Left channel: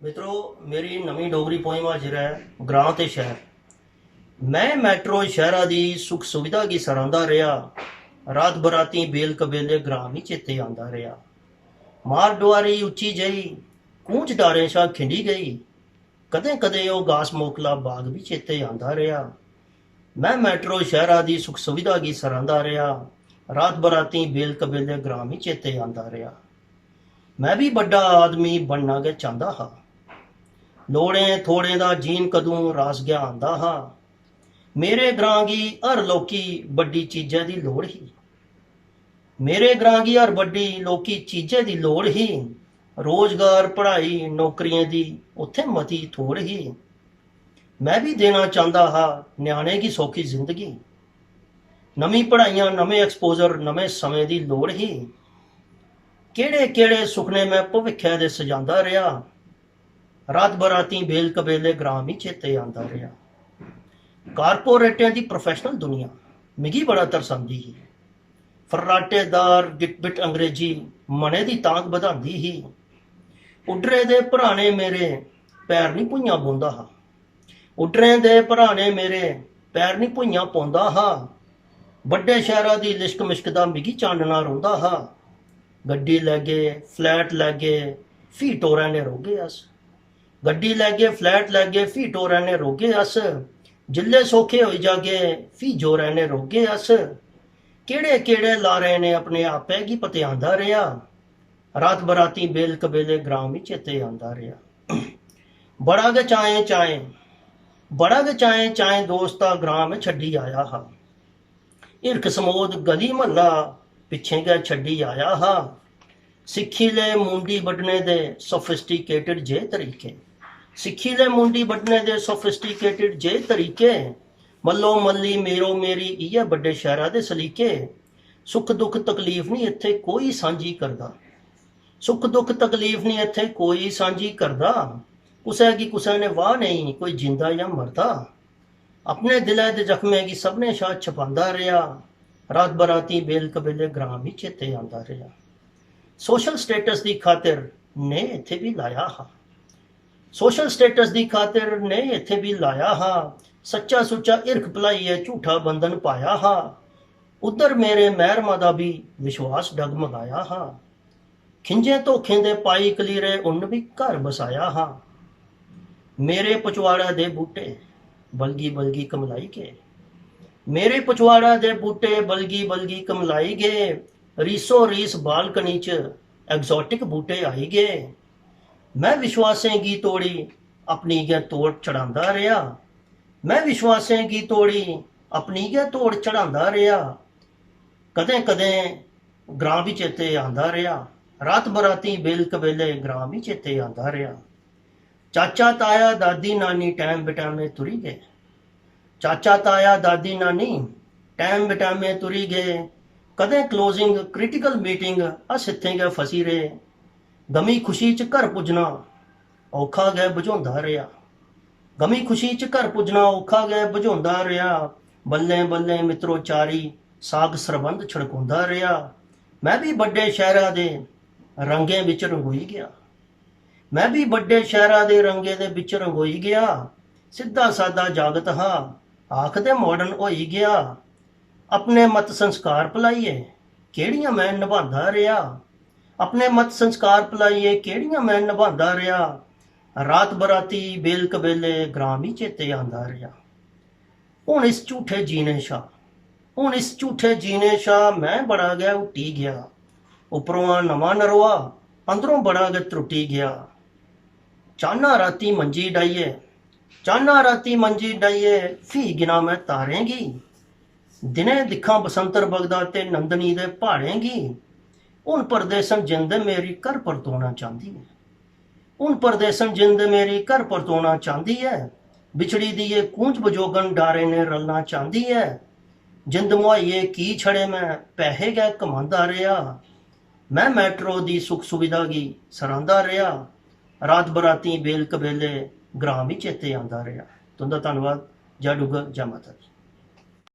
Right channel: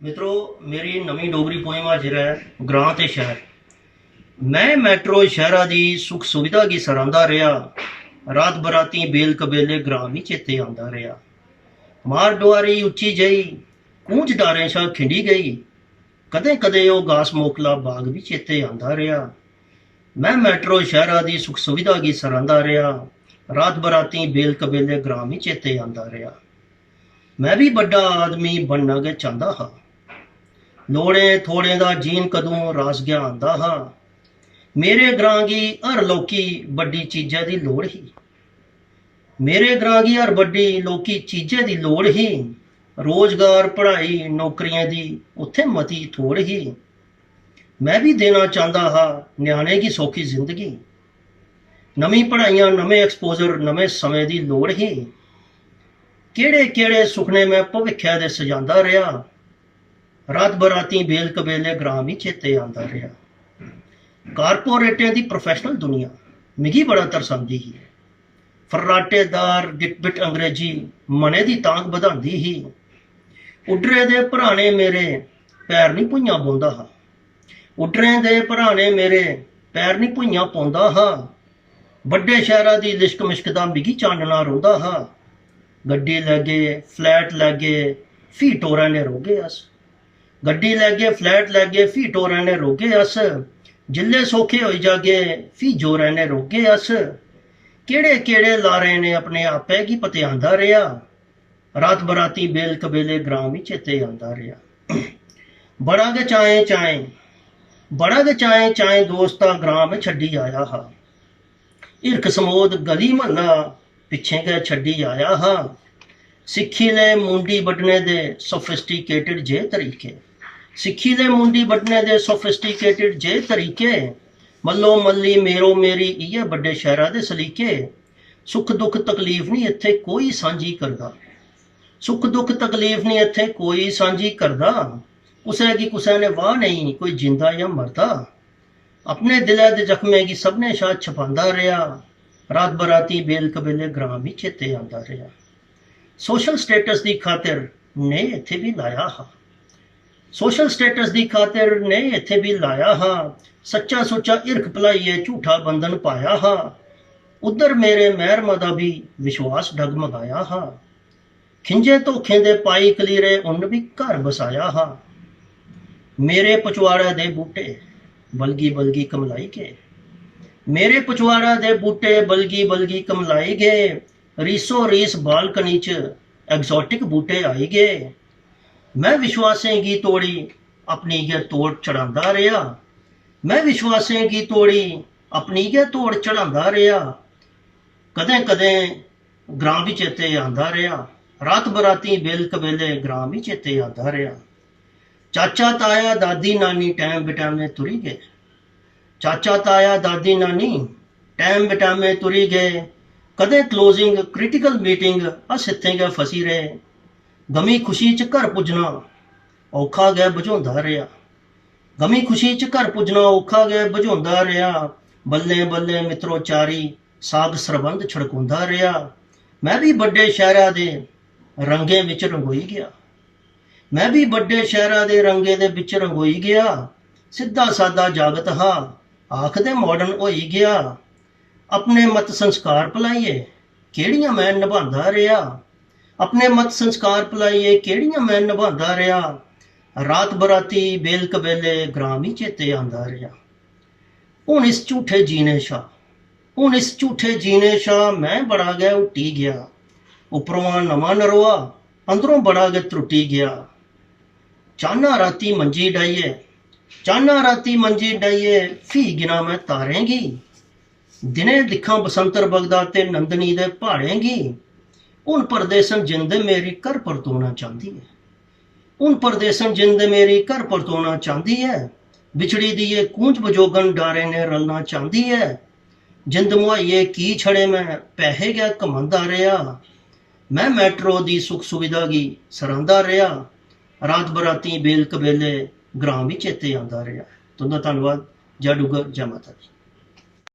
मित्रों, मेरी नवी डोगरी पोएम हाजिर है। ग्रां ते शहर। मैं मैट्रो शहरा दी सुख सुविधा की सरांदा रहा। रात बराती बेल कबेले ग्रां ही चेते आंदा रहा। मार डुआरी उच्ची जई कूंज डारें शा खिंडी गई। कदें कदें ओ घास मोकला बाग भी चेते आंदा रहा। मैं मैट्रो शहरा दी सुख सुविधा की सरांदा रहा। रात बराती बेल कबेले ग्रां ही चेते आंदा रहा। मैं भी बड़ा आदमी बनना गै चाहता हा। लोड़ें थोड़ें दा जीन कदूं रास गया आंदा हा। मेरे ग्रां गी हर लौकी बड्डी चीज़ा दी लोड़ ही। मेरे ग्रां गी हर बड्डी लौकी चीज़ा दी लोड़ ही। रोजगार पढ़ाई नौकरियां दी उत्थे मती थोड़ ही। मैं भी देना चाहता हा न्याणे की सौखी जिंदगी। नवी पढ़ाइयां नवे एक्सपोजर नवे समय दी लोड़ ही। केड़े केड़े सुखने मैं भविक्खै दे सजांदा रहा। रात बराती बेल कबेले ग्रां भी चेते आंदा रहा। कारपोरेटें दी प्रोफैशनल दुनिया मिगी बड़ा तरसांदी ही। फर्राटेदार गिटबिट अंग्रेजी मने दी तांग बधांदी ही। उड्डरे दे भराने मेरे पैर नहीं भुइयां बौंदा हा। उड्डरे दे भराने मेरे पैर नहीं भुइयां पौंदा हा। बड्डे शहरा दी लिश्क मिश्क दा मिगी चांडना रौंदा हा। गड्डी लैगे फ्लैट लैगे फ्ही टोरां ने रोगे अस। गड्डी लैगे फ्लैट लैगे फ्ही टोरां ने रोगे अस। जिल्ले सौखे होई जागे फ्ही जोरां ने रोगे अस। केड़े केड़े लारे ने अपने आपै गी पतेआंदा रेहा। रात बराती बेल कबेले ग्रां भी चेते आंदा रेहा। बड़ा गै चाएं चाएं बड़ा गै चाएं चाएं दोस्ता ग्रां में छड्डी आया हा। हिरख समोद गली महल्ला पिच्छे गै छड्डी आया हा। सिक्खी ले मुंडी बड्ढने दे सोफिस्टिकेटेड जे तरीके। सिक्खी ले मुंडी बड्ढने दे सोफिस्टिकेटेड जे तरीके। मल्लो मल्ली मेरो मेरी इ'यै बड्डे शहरा दे सलीके। सुख दुख तकलीफ नहीं इत्थे कोई सांझी करदा। सुख दुख तकलीफ नहीं इत्थे कोई सांझी करदा। कुसै गी कुसै ने वाह नहीं कोई जिंदा या मरदा। अपने दिलै दे जख्में गी सबने शा छपांदा रेहा। रात बराती बेल कबेले ग्रां भी चेते आंदा रेहा। सोशल स्टेटस दी खातिर ने इत्थे भी लाया हा। सोशल स्टेटस दी खातिर ने इत्थे भी लाया हा। सच्चा सुच्चा हिरख भलाइयै झूठा बंधन पाया हा। उधर मेरे महरमा दा भी विश्वास डगमगाया हा। खिंजे धोखें दे पाई कलीरे उन्न भी घर बसाया हा। मेरे पचवाड़े दे बूटे बलगी बलगी कमलाई गए। मेरे पचवाड़े दे बूटे बलगी बलगी कमलाई गए। रीसो रीस बालकनी च एग्जॉटिक बूटे आई गए। मैं विश्वासें गी तोड़ी अपनी गै तोड़ चढ़ांदा रेहा। मैं विश्वासें गी तोड़ी अपनी गै तोड़ चढ़ांदा रेहा। कदें कदें ग्रां भी चेते आंदा रेहा। रात बराती बेल कबेले ग्रां भी चेते आंदा रेहा। चाचा ताया दादी नानी टैम बटैमे तुरी गए। चाचा ताया दादी नानी टैम बटैमे तुरी गए। कदें क्लोजिंग क्रिटिकल मीटिंग अस इत्थें गै फसी रहे। गमी खुशी च घर पुज्जना औखा गै बझोंदा रेहा। गमी खुशी च घर पुज्जना औखा गै बझोंदा रेहा। बल्लें बल्लें मित्रो चारी साग सरबंध छड़कोंदा रेहा। मैं भी बड्डे शहरा दे रंगें बिच रंगोई गया। मैं भी बड्डे शहरा दे रंगे दे बिच रंगोई गया। सिद्धा सादा जागत हा आखदे मॉडर्न होई गया। अपने मत संस्कार भुलाइए केड़ियां मैं निभांदा रेहा। अपने मत संस्कार भुलाइए केड़ियां मैं निभांदा रेहा। रात बराती बेल कबेले ग्रां भी चेते आंदा रेहा। हुण इस झूठे जीने शा हुण इस झूठे जीने शा मैं बड़ा गै हुट्टी गया। उपरों नवां नरोआ अंदरों बड़ा गै त्रुट्टी गया। चाहना राती मंजी डाइए चाहना राती मंजी डाइए फ्ही गिना मैं तारें गी। दिने दिक्खां बसंतर बगदा ते नंदनी दे प्हाड़ें गी। हुण परदेसन जिंद मेरी घर परतोना चाहती है। हुण परदेसन जिंद मेरी घर परतोना चाहती है। बिछड़ी दी ये कूंज बजोगन डारे ने रलना चाहती है। जिंद मुहाइए की छड़े मैं पैहे गै कमांदा रेहा। मैं मैट्रो दी सुख सुविधा गी सरांदा रेहा। रात बराती बेल कबेले ग्रां भी चेते आंदा रेहा। तुंदा धन्नवाद। जय डुग्गर जय माता दी।